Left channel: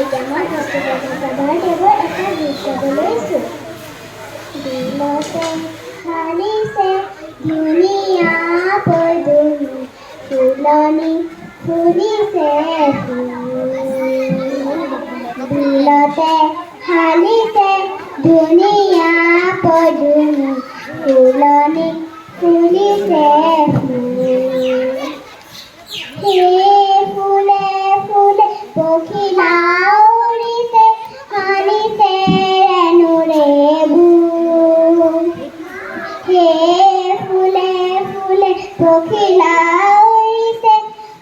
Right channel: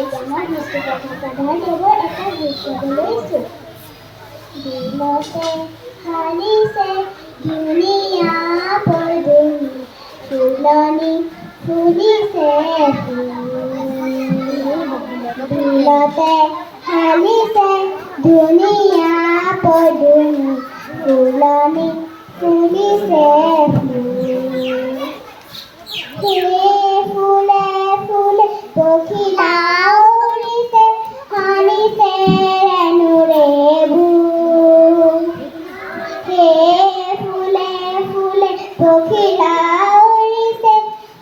এতিয়া মই ভক্তিপদ দেৱৰ এটা গীত গাবলৈ লৈছোঁ। দিলতে হালিছে ধুনীয়া পদুমী, ফুলনি ফুলিছে ফুল। দিলতে হালিছে ধুনীয়া পদুমী, ফুলনি ফুলিছে ফুল। সেই ফুলে ফুলে পখিলা উৰিছে, সানিছে ৰেণুৰে বুল। সেই ফুলে ফুলে পখিলা উৰিছে,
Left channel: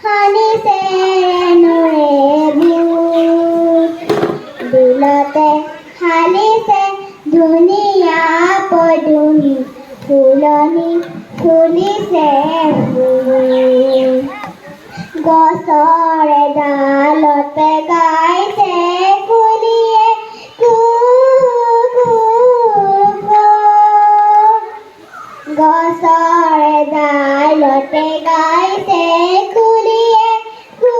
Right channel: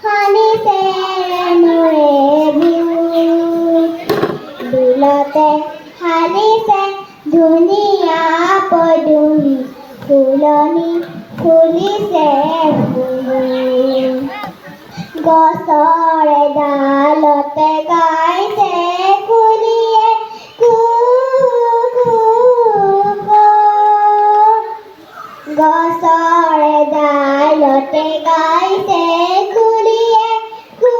সানিছে ৰেণুৰে বুল। দিলতে হালিছে ধুনীয়া পদুমী, ফুলনি ফুলিছে ফুল। গছৰে ডালতে গাইছে কুলিয়ে কু কু কু। গছৰে ডালতে গাইছে কুলিয়ে কু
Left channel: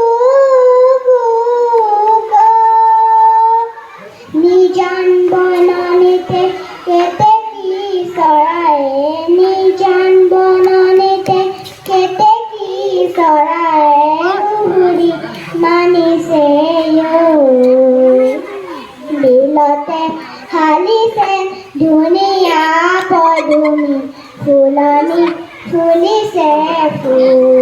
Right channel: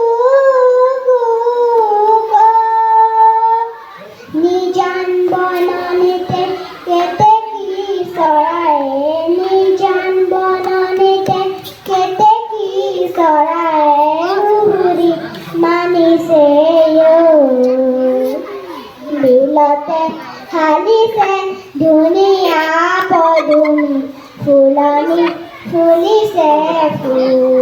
কু কু। নিজান বননিতে কেতেকী চৰায়ে, নিজান বননিতে কেতেকী চৰায়ে সুহুৰি মানিছে দিলতে হালিছে ধুনীয়া পদুমী, ফুলনি ফুলিছে ফুল।